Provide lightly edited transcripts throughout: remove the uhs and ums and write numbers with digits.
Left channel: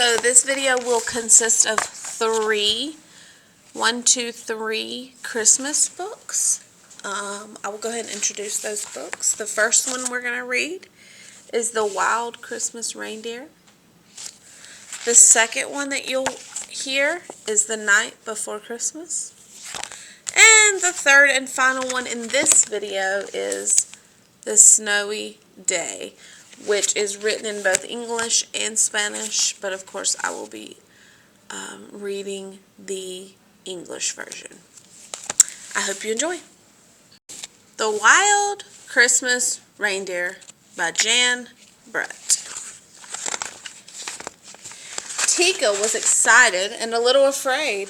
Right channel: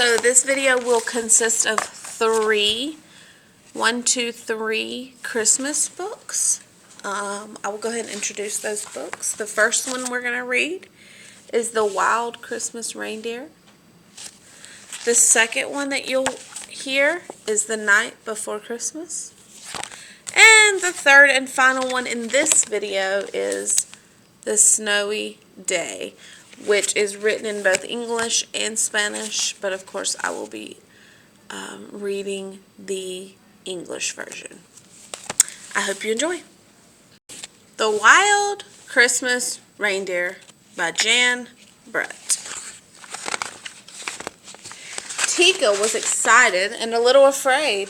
So this video will consist of three Christmas books. I will go ahead and introduce those books. The first one we're going to read is The Wild Christmas Reindeer. The second one that you'll hear is The Night Before Christmas. And the third and final one in this video is The Snowy Day, which is written in both English and Spanish, but of course I will be reading the English version. I hope you enjoy. The Wild Christmas Reindeer by Jan Brett. Tika was excited and a little afraid.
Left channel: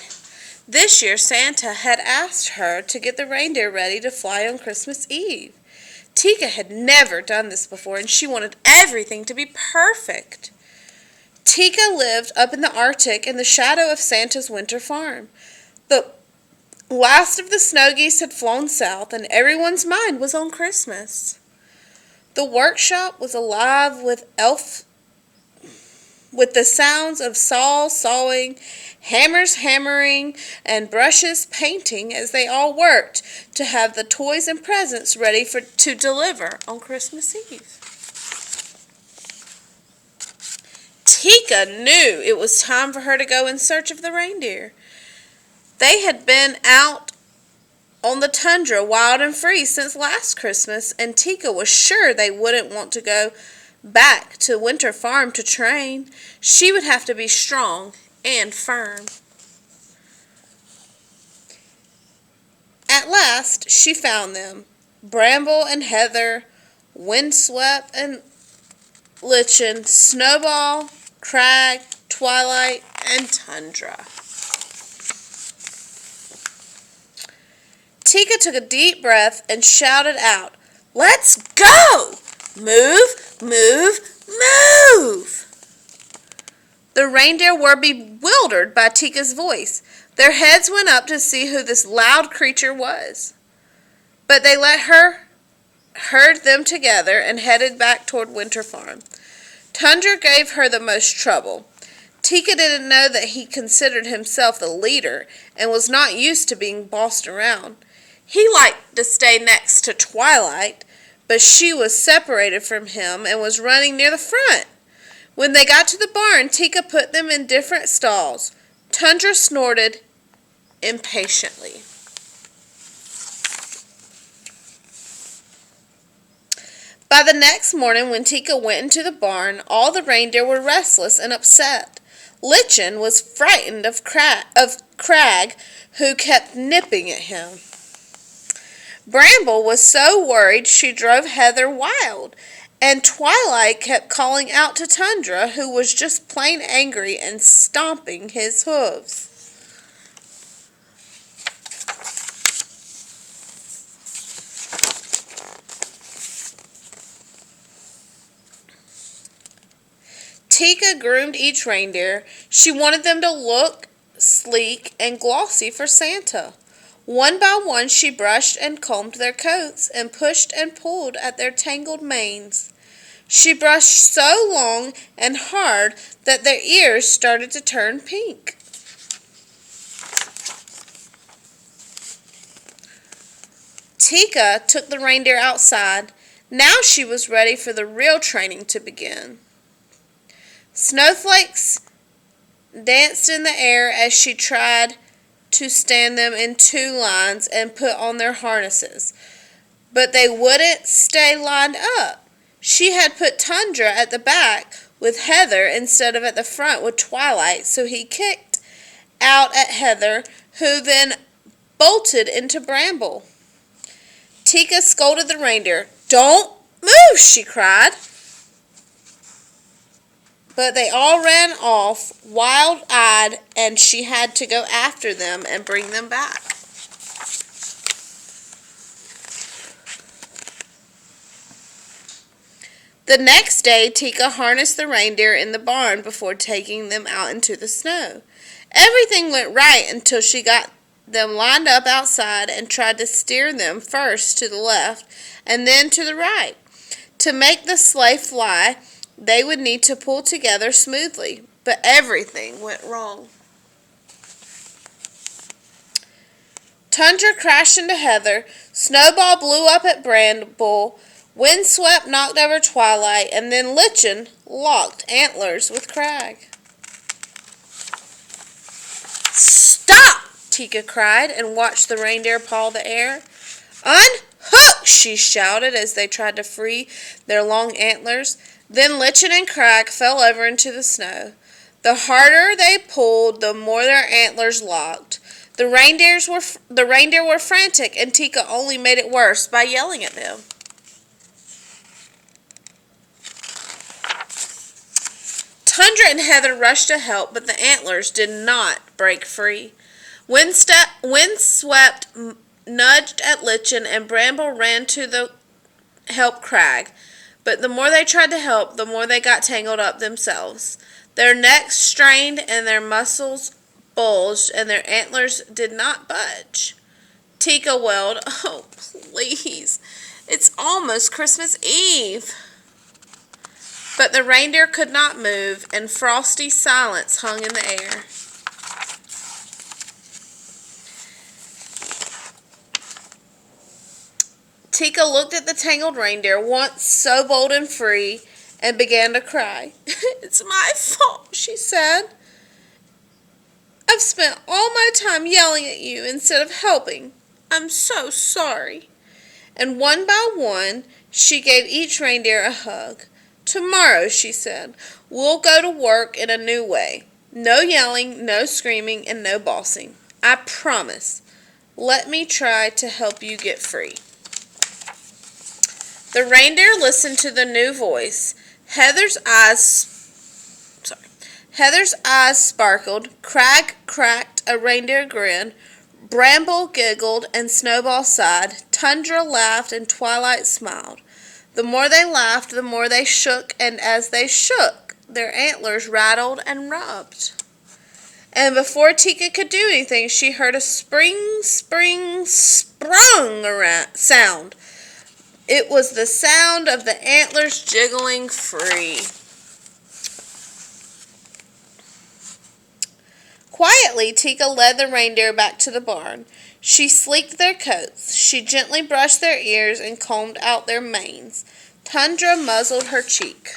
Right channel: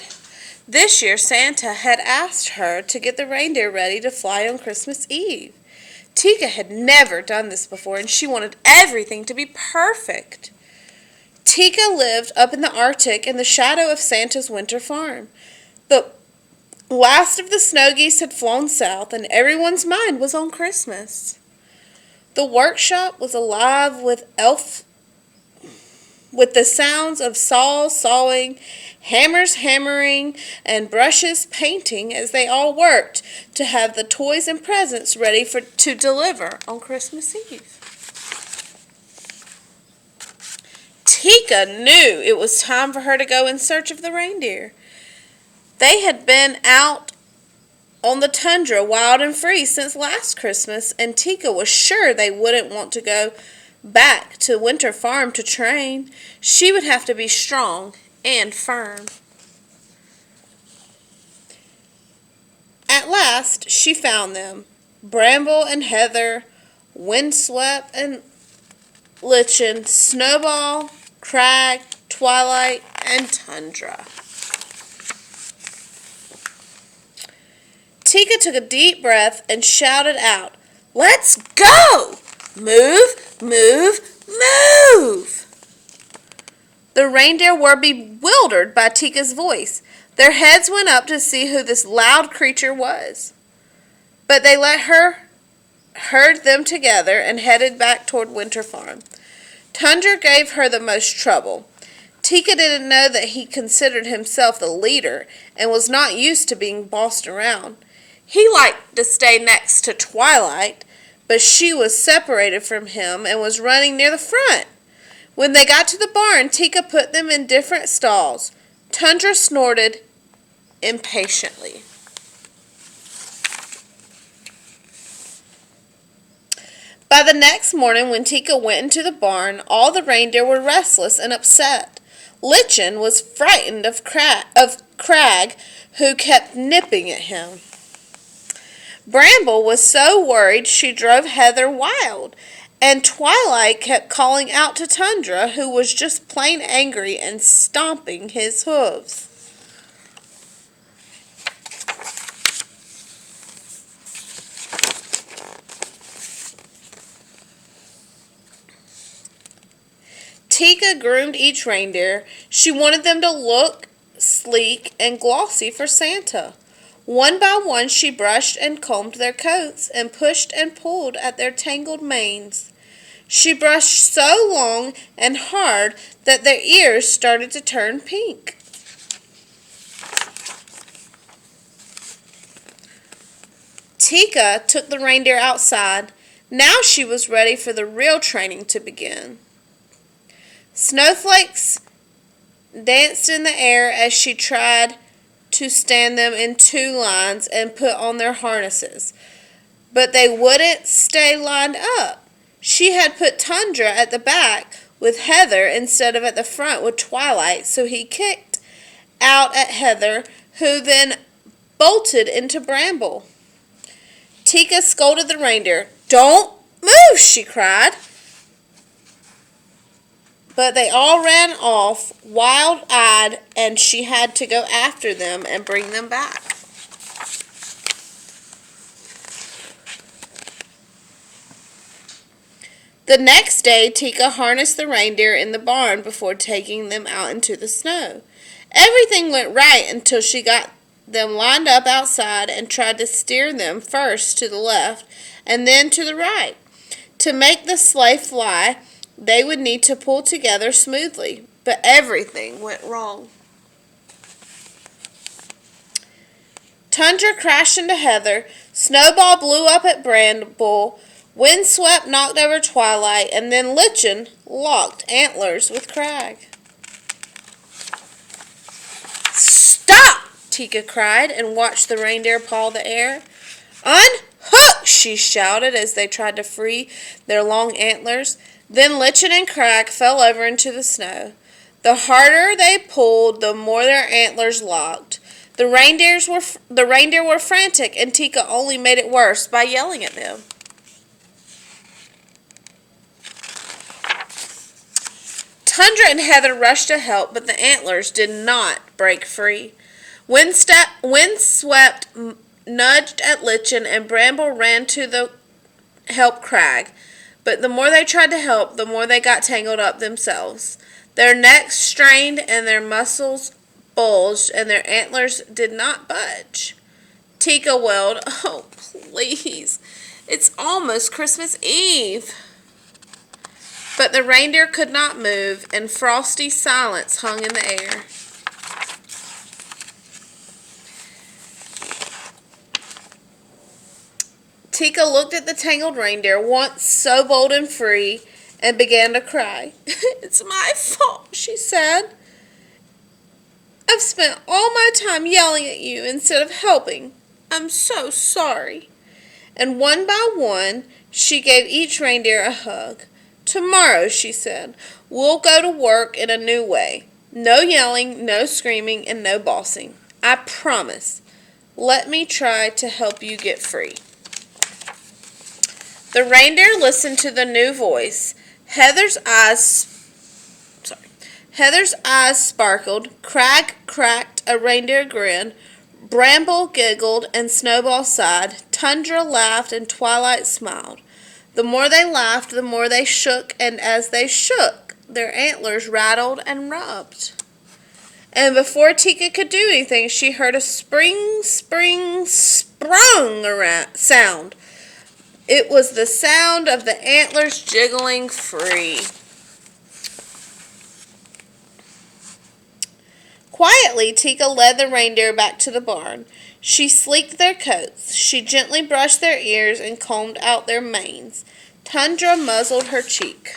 This year Santa had asked her to get the reindeer ready to fly on Christmas Eve. Tika had never done this before, and she wanted everything to be perfect. Tika lived up in the Arctic in the shadow of Santa's winter farm. The last of the snow geese had flown south, and everyone's mind was on Christmas. The workshop was alive with the sounds of saws sawing, hammers hammering, and brushes painting as they all worked to have the toys and presents ready to deliver on Christmas Eve. Tika knew it was time for her to go in search of the reindeer. They had been out on the tundra wild and free since last Christmas, and Tika was sure they wouldn't want to go back to Winter Farm to train. She would have to be strong and firm. At last she found them, Bramble and Heather, Windswept and Lichen, Snowball, Crag, Twilight, and Tundra. Tika took a deep breath and shouted out, "Let's go! Move, move, move!" The reindeer were bewildered by Tika's voice. Their heads went up to see who this loud creature was. But they herd them together and headed back toward Winter Farm. Tundra gave her the most trouble. Tika didn't know that he considered himself the leader and was not used to being bossed around. He liked to stay next to Twilight, but she was separated from him and was running near the front. When they got to the barn, Tika put them in different stalls. Tundra snorted impatiently. By the next morning, when Tika went into the barn, all the reindeer were restless and upset. Lichen was frightened of Crag, who kept nipping at him. Bramble was so worried she drove Heather wild, and Twilight kept calling out to Tundra, who was just plain angry and stomping his hooves. Tika groomed each reindeer. She wanted them to look sleek and glossy for Santa. One by one she brushed and combed their coats and pushed and pulled at their tangled manes. She brushed so long and hard that their ears started to turn pink. Tika took the reindeer outside. Now she was ready for the real training to begin. Snowflakes danced in the air as she tried to stand them in two lines and put on their harnesses, but they wouldn't stay lined up. She had put Tundra at the back with Heather instead of at the front with Twilight, so he kicked out at Heather, who then bolted into Bramble. Tika scolded the reindeer. "Don't move," she cried. But they all ran off, wild-eyed, and she had to go after them and bring them back. The next day, Tika harnessed the reindeer in the barn before taking them out into the snow. Everything went right until she got them lined up outside and tried to steer them first to the left and then to the right. To make the sleigh fly, they would need to pull together smoothly. but everything went wrong. Tundra crashed into Heather, Snowball blew up at Bramble, Windswept knocked over Twilight, and then Lichen locked antlers with Crag. "Stop!" Tika cried and watched the reindeer paw the air. "Unhook!" she shouted as they tried to free their long antlers. Then Lichen and Crag fell over into the snow. The harder they pulled, the more their antlers locked. The reindeer were frantic, and Tika only made it worse by yelling at them. Tundra and Heather rushed to help, but the antlers did not break free. Windswept nudged at Lichen, and Bramble ran to help Crag. But the more they tried to help, the more they got tangled up themselves. Their necks strained and their muscles bulged, and their antlers did not budge. Tika wailed, "Oh, please, it's almost Christmas Eve." But the reindeer could not move, and frosty silence hung in the air. Tika looked at the tangled reindeer, once so bold and free, and began to cry. "It's my fault," she said. "I've spent all my time yelling at you instead of helping. I'm so sorry." And one by one, she gave each reindeer a hug. "Tomorrow," she said, "we'll go to work in a new way. No yelling, no screaming, and no bossing. I promise. Let me try to help you get free." The reindeer listened to the new voice. Heather's eyes sparkled. Crag cracked a reindeer grin. Bramble giggled and Snowball sighed. Tundra laughed and Twilight smiled. The more they laughed, the more they shook, and as they shook, their antlers rattled and rubbed. And before Tika could do anything, she heard a sprung sound. It was the sound of the antlers jiggling free. Quietly, Tika led the reindeer back to the barn. She sleeked their coats. She gently brushed their ears and combed out their manes. Tundra muzzled her cheek.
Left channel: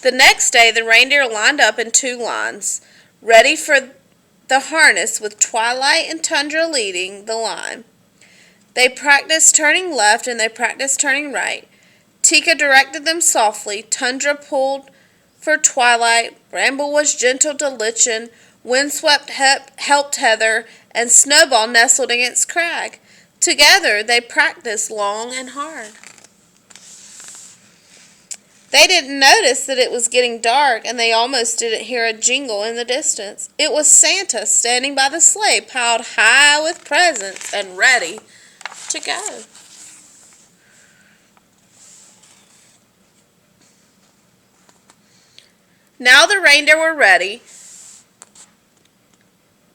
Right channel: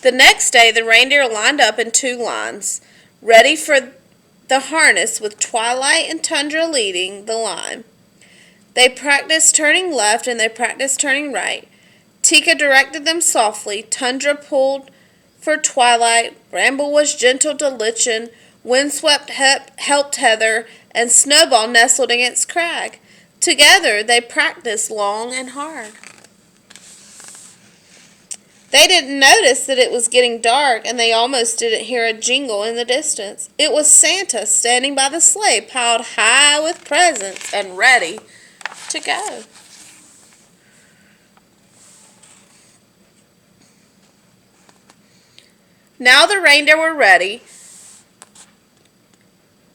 The next day, the reindeer lined up in 2 lines, ready for the harness, with Twilight and Tundra leading the line. They practiced turning left and they practiced turning right. Tika directed them softly. Tundra pulled for Twilight. Bramble was gentle to Lichen. Windswept helped Heather, and Snowball nestled against Crag. Together they practiced long and hard. They didn't notice that it was getting dark, and they almost didn't hear a jingle in the distance. It was Santa standing by the sleigh, piled high with presents and ready to go. Now the reindeer were ready,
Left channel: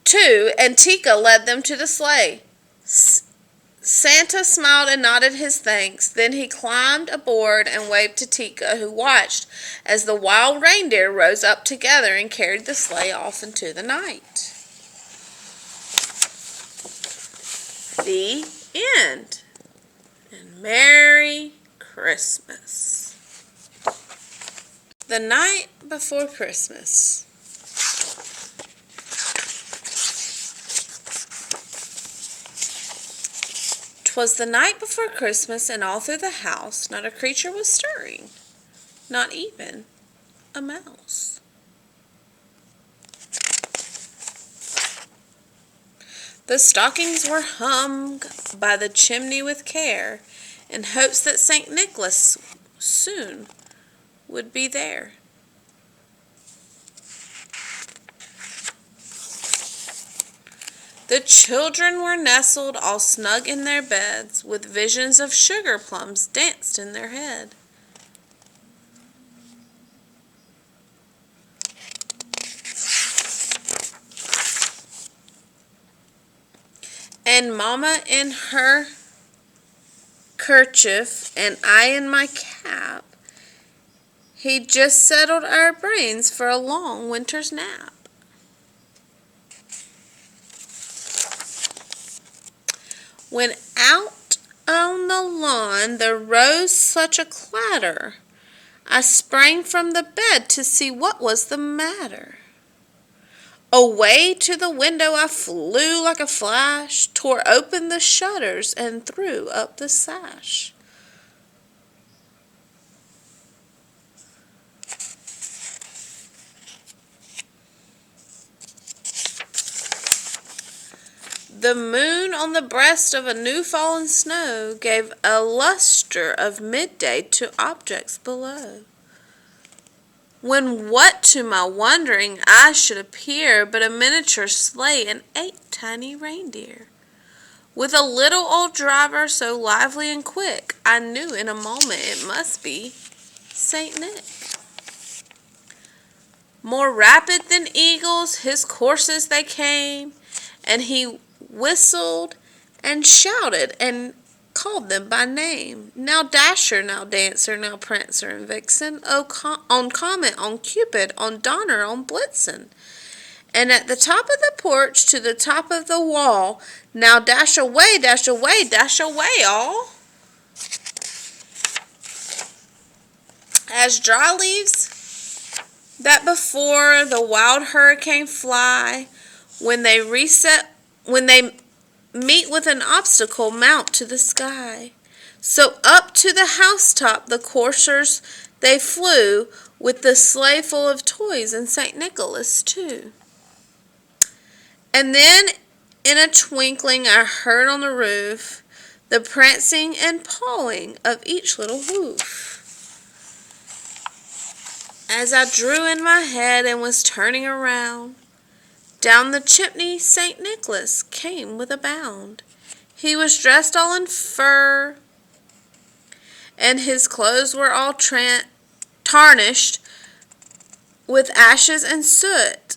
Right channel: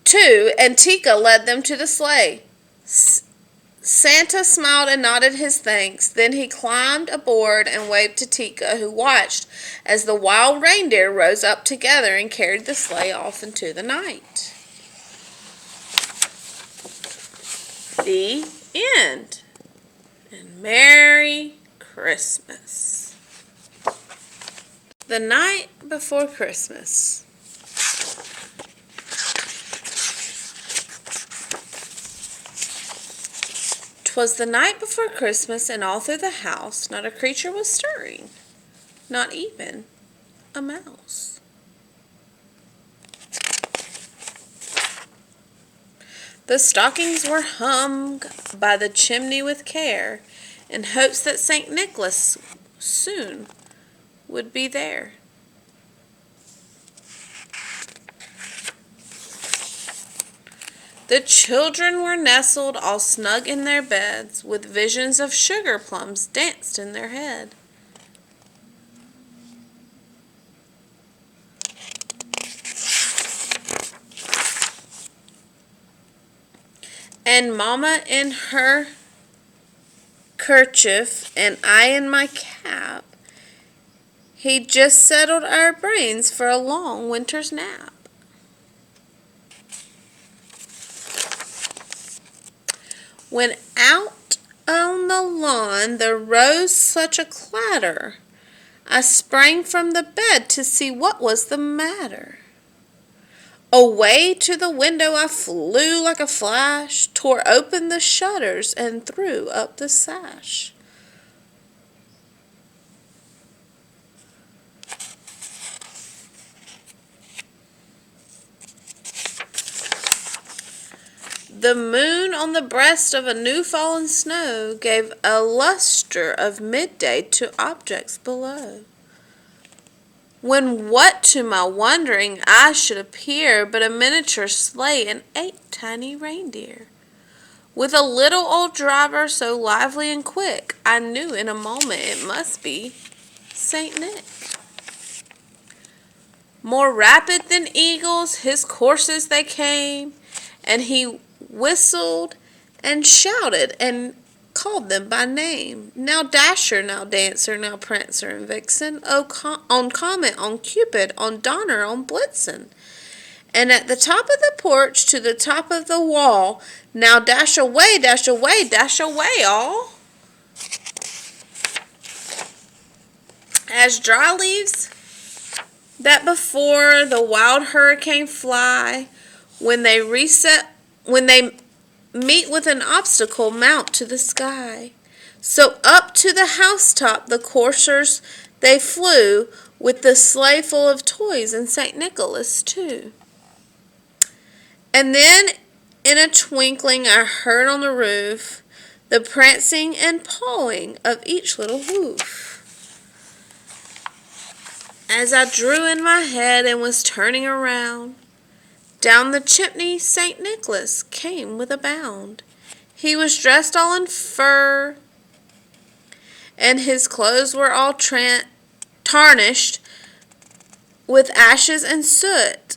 too, and Tika led them to the sleigh. Santa smiled and nodded his thanks. Then he climbed aboard and waved to Tika, who watched as the wild reindeer rose up together and carried the sleigh off into the night. The end. And Merry Christmas. The night before Christmas. 'Twas the night before Christmas, and all through the house not a creature was stirring, not even a mouse. The stockings were hung by the chimney with care, in hopes that St. Nicholas soon would be there. The children were nestled all snug in their beds, with visions of sugar plums danced in their head. And Mama in her kerchief and I in my cap, he just settled our brains for a long winter's nap. When out on the lawn there rose such a clatter, I sprang from the bed to see what was the matter. Away to the window I flew like a flash, tore open the shutters and threw up the sash. The moon on the breast of a new fallen snow gave a lustre of midday to objects below. When what to my wondering eyes should appear but a miniature sleigh and 8 tiny reindeer, with a little old driver so lively and quick, I knew in a moment it must be Saint Nick. More rapid than eagles, his coursers they came, and he whistled and shouted and called them by name. Now Dasher, now Dancer, now Prancer and Vixen, on Comet, on Cupid, on Donner, on Blitzen. And at the top of the porch to the top of the wall, now dash away, dash away, dash away all. As dry leaves that before the wild hurricane fly, when they meet with an obstacle, mount to the sky. So up to the housetop the coursers they flew, with the sleigh full of toys and St. Nicholas too. And then in a twinkling I heard on the roof the prancing and pawing of each little hoof. As I drew in my head and was turning around, down the chimney St. Nicholas came with a bound. He was dressed all in fur, and his clothes were all tarnished with ashes and soot.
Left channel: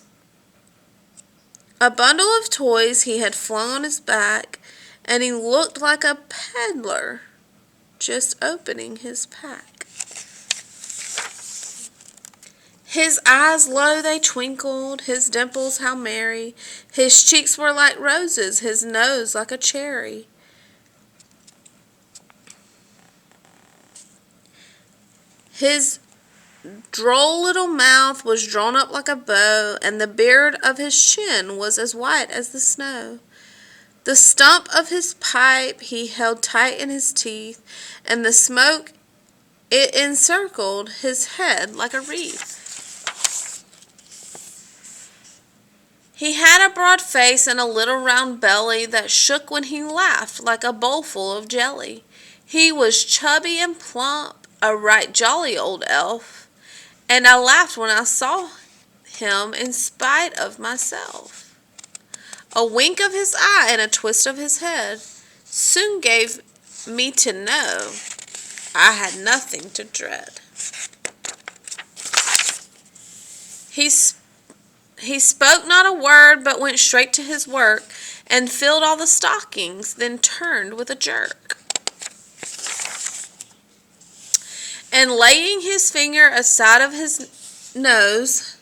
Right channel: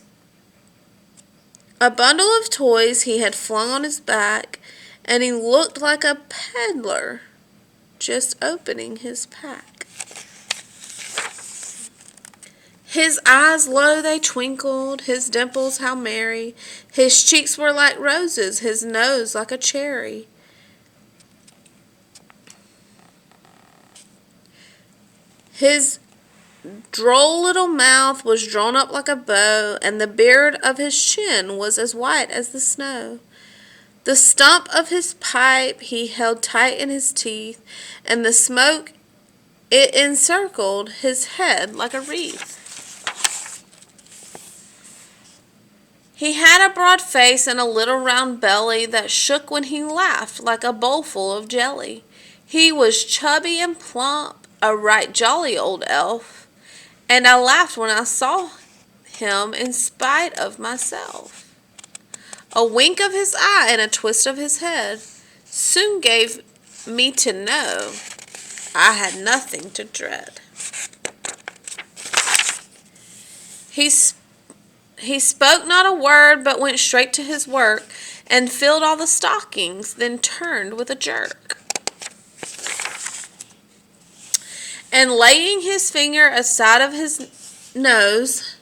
A bundle of toys he had flung on his back, and he looked like a peddler just opening his pack. His eyes low they twinkled, his dimples how merry, his cheeks were like roses, his nose like a cherry. His droll little mouth was drawn up like a bow, and the beard of his chin was as white as the snow. The stump of his pipe he held tight in his teeth, and the smoke it encircled his head like a wreath. He had a broad face and a little round belly that shook when he laughed like a bowlful of jelly. He was chubby and plump, a right jolly old elf, and I laughed when I saw him in spite of myself. A wink of his eye and a twist of his head soon gave me to know I had nothing to dread. He spoke not a word, but went straight to his work, and filled all the stockings, then turned with a jerk. And laying his finger aside of his nose,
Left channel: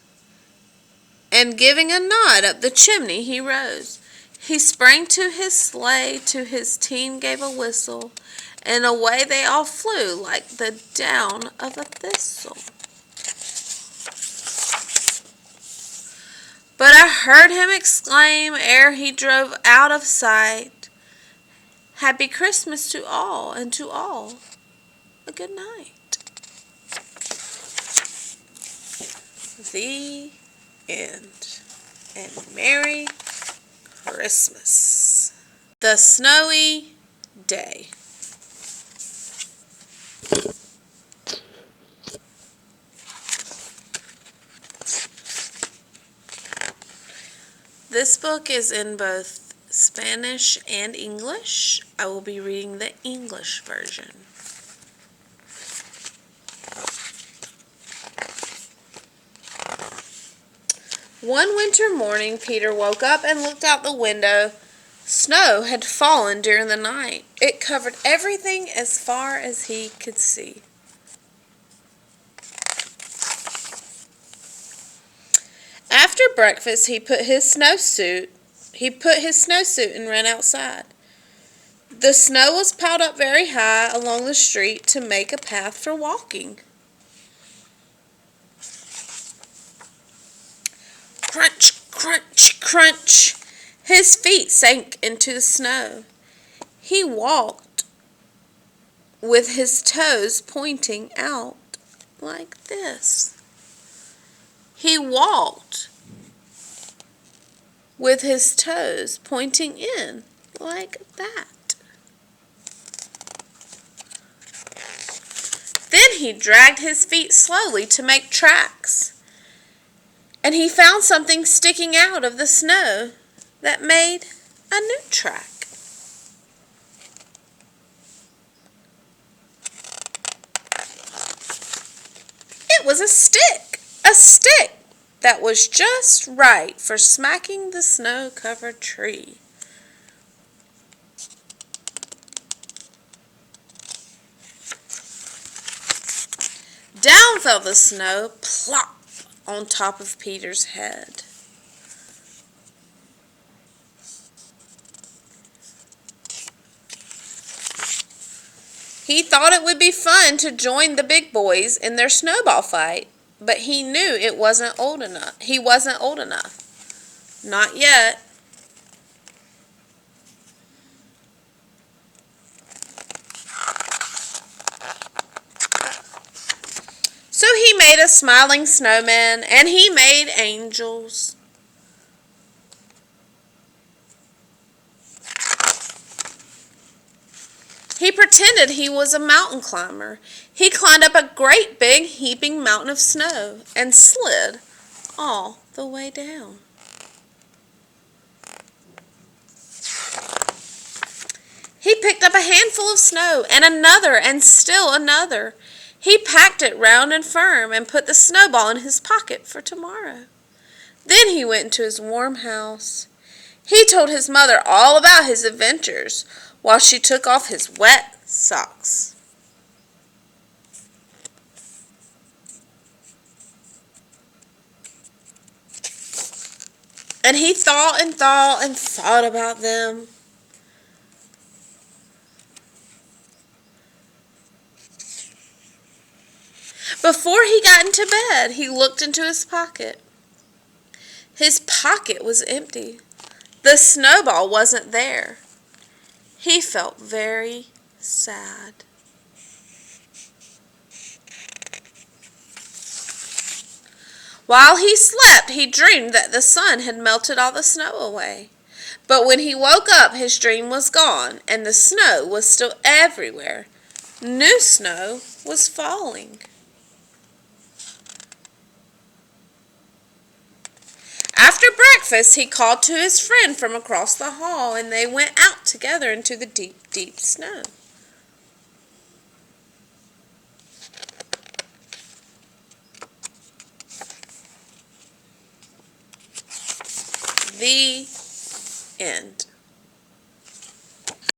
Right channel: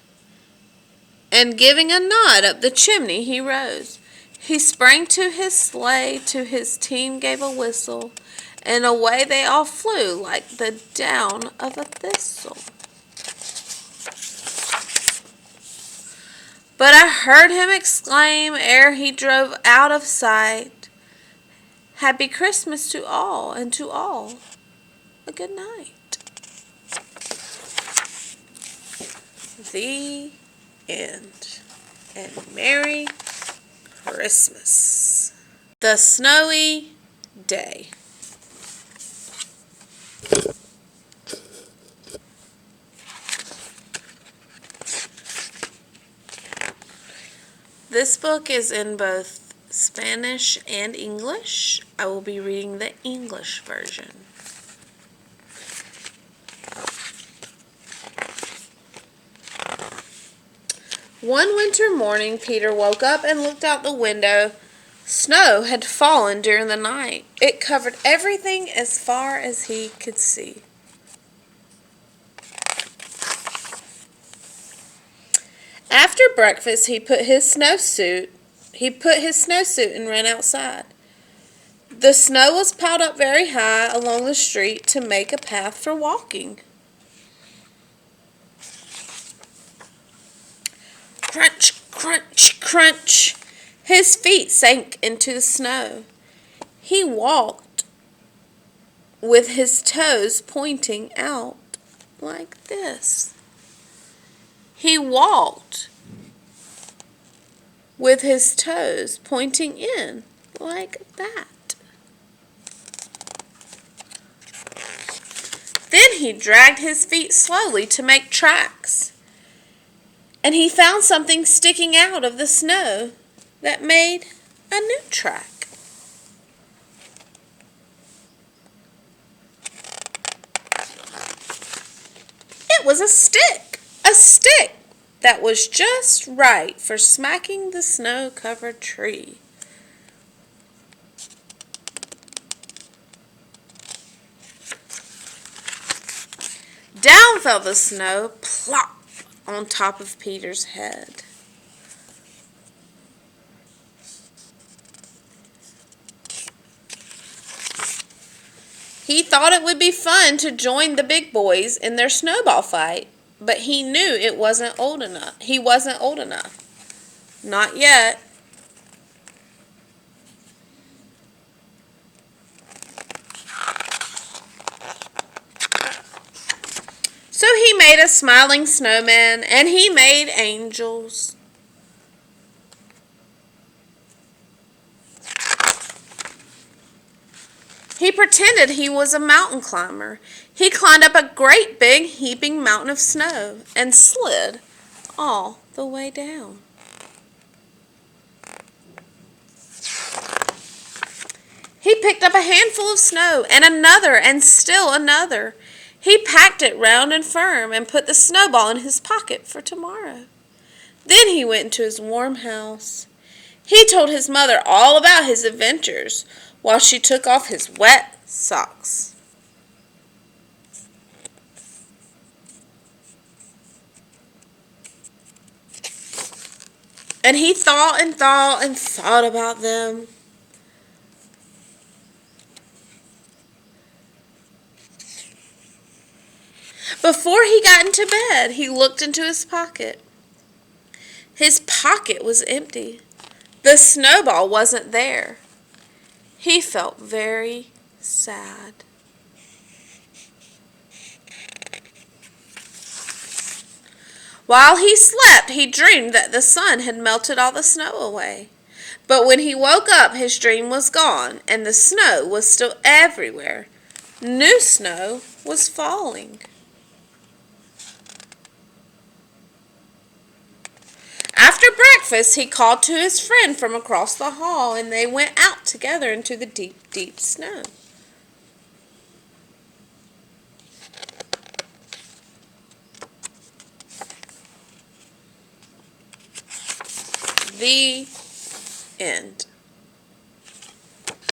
and giving a nod up the chimney, he rose. He sprang to his sleigh, to his team gave a whistle, and away they all flew like the down of a thistle. But I heard him exclaim ere he drove out of sight, "Happy Christmas to all, and to all a good night." The end. And Merry Christmas. The Snowy Day. This book is in both Spanish and English. I will be reading the English version. One winter morning, Peter woke up and looked out the window, Snow had fallen during the night. It covered everything as far as he could see. After breakfast, he put his snowsuit and ran outside. The snow was piled up very high along the street to make a path for walking. Crunch, crunch, crunch. His feet sank into the snow. He walked with his toes pointing out like this. He walked with his toes pointing in like that. Then he dragged his feet slowly to make tracks, and he found something sticking out of the snow that made a new track. It was a stick that was just right for smacking the snow-covered tree. Down fell the snow, plop, on top of Peter's head. He thought it would be fun to join the big boys in their snowball fight, but he knew he wasn't old enough. Not yet. So he made a smiling snowman, and he made angels. He pretended he was a mountain climber. He climbed up a great big heaping mountain of snow and slid all the way down. He picked up a handful of snow and another and still another. He packed it round and firm and put the snowball in his pocket for tomorrow. Then he went into his warm house. He told his mother all about his adventures while she took off his wet socks. And he thought and thought and thought about them. Before he got into bed, he looked into his pocket. His pocket was empty. The snowball wasn't there. He felt very sad. While he slept, he dreamed that the sun had melted all the snow away. But when he woke up, his dream was gone, and the snow was still everywhere. New snow was falling. After breakfast, he called to his friend from across the hall, and they went out together into the deep, deep snow. The end.